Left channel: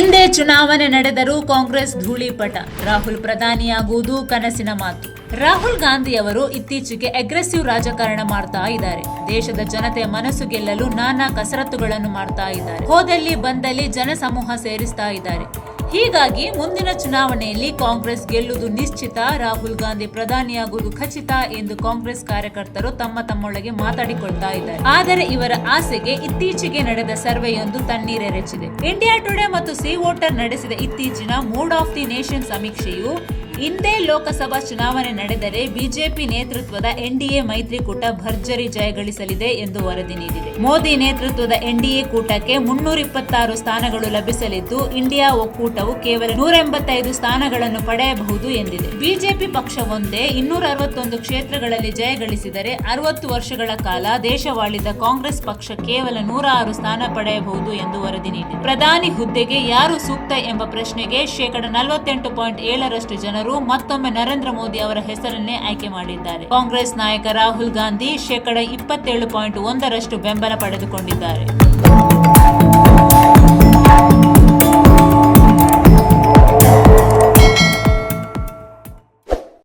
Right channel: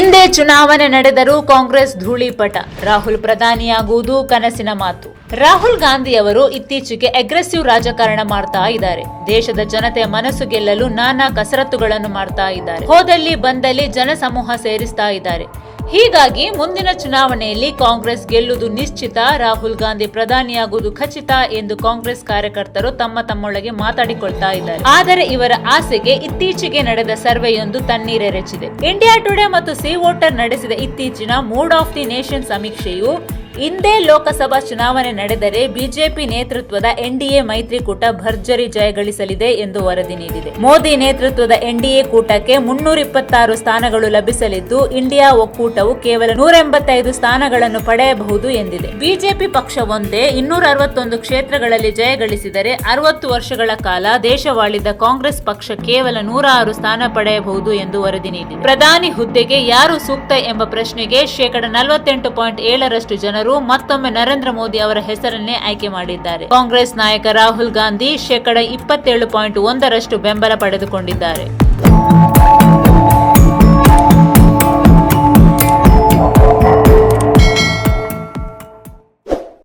ಇಂದೇ ಚುನಾವಣೆ ನಡೆದರೂ ಕಾಂಗ್ರೆಸ್ ಧೂಳಿಪಟ. ರಾಹುಲ್ ಪ್ರಧಾನಿಯಾಗುವುದು ಕನಸಿನ ಮಾತು. ರಾಹುಲ್ ಗಾಂಧಿ ಅವರು ಇತ್ತೀಚೆಗೆ ಅಗ್ರೆಸಿವ್ ರಾಜಕಾರಣ ಮಾಡ್ತಾ ಇದ್ದಾರೆ. ದೇಶದ ಜನತೆಯ ಮನಸ್ಸು ಗೆಲ್ಲಲು ನಾನಾ ಕಸರತ್ತುಗಳನ್ನು ಮಾಡ್ತಾ ಇದ್ದಾರೆ. ಹೋದಲ್ಲಿ ಬಂದಲ್ಲಿ ಜನಸಮೂಹ ಸೇರಿಸ್ತಾ ಇದ್ದಾರೆ. ಹೀಗಾಗಿ ಮುಂದಿನ ಚುನಾವಣೆಯಲ್ಲಿ ಕಾಂಗ್ರೆಸ್ ಗೆಲ್ಲುವುದು ನಿಶ್ಚಿತ, ರಾಹುಲ್ ಗಾಂಧಿ ಪ್ರಧಾನಿಯಾಗುವುದು ಖಚಿತ ಎಂದು ಕಾಂಗ್ರೆಸ್ ಕಾರ್ಯಕರ್ತರು ತಮ್ಮೊಳಗೆ ಮಾತಾಡಿಕೊಳ್ತಾ ಇದ್ದಾರೆ. ಆದರೆ ಇವರ ಆಸೆಗೆ ಇತ್ತೀಚೆಗೆ ನಡೆದ ಸರ್ವೆಯೊಂದು ತಣ್ಣೀರೆರಚಿದೆ. ಇಂಡಿಯಾ ಟುಡೇ ಮತ್ತು ಸಿ ವೋಟರ್ ನಡೆಸಿದ ಇತ್ತೀಚಿನ ಮೂಡ್ ಆಫ್ ದಿ ನೇಷನ್ ಸಮೀಕ್ಷೆಯು ಇಂದೇ ಲೋಕಸಭಾ ಚುನಾವಣೆ ನಡೆದರೆ ಬಿಜೆಪಿ ನೇತೃತ್ವದ ಎನ್ಡಿಎ ಮೈತ್ರಿಕೂಟ ಭರ್ಜರಿ ಜಯಗಳಿಸಲಿದೆ ಎಂದು ವರದಿ ನೀಡಿದೆ. ಮೋದಿ ನೇತೃತ್ವದ ಎನ್ಡಿಎ ಕೂಟಕ್ಕೆ 326 ಸ್ಥಾನಗಳು ಲಭಿಸಲಿದ್ದು, ಇಂಡಿಯಾ ಒಕ್ಕೂಟವು ಕೇವಲ 185 ಸ್ಥಾನಗಳನ್ನು ಪಡೆಯಬಹುದು ಎಂದಿದೆ. ಬಿಜೆಪಿ ಪಕ್ಷವೊಂದೇ 261 ಕ್ಷೇತ್ರಗಳಲ್ಲಿ ಜಯಗಳಿಸಿದರೆ 60 ವರ್ಷಗಳ ಕಾಲ ದೇಶವಾಳಿದ ಕಾಂಗ್ರೆಸ್ ಪಕ್ಷ ಕೇವಲ 106 ಸ್ಥಾನ ಪಡೆಯಬಹುದು ಎಂದು ವರದಿ ನೀಡಿದೆ. ಪ್ರಧಾನಿ ಹುದ್ದೆಗೆ ಯಾರು ಸೂಕ್ತ ಎಂಬ ಪ್ರಶ್ನೆಗೆ 48.7% ಜನರು ಮತ್ತೊಮ್ಮೆ ನರೇಂದ್ರ ಮೋದಿ ಅವರ ಹೆಸರನ್ನೇ ಆಯ್ಕೆ ಮಾಡಿದ್ದಾರೆ. ಕಾಂಗ್ರೆಸ್ ನಾಯಕ ರಾಹುಲ್ ಗಾಂಧಿ 27.1% ಬೆಂಬಲ ಪಡೆದುಕೊಂಡಿದ್ದಾರೆ.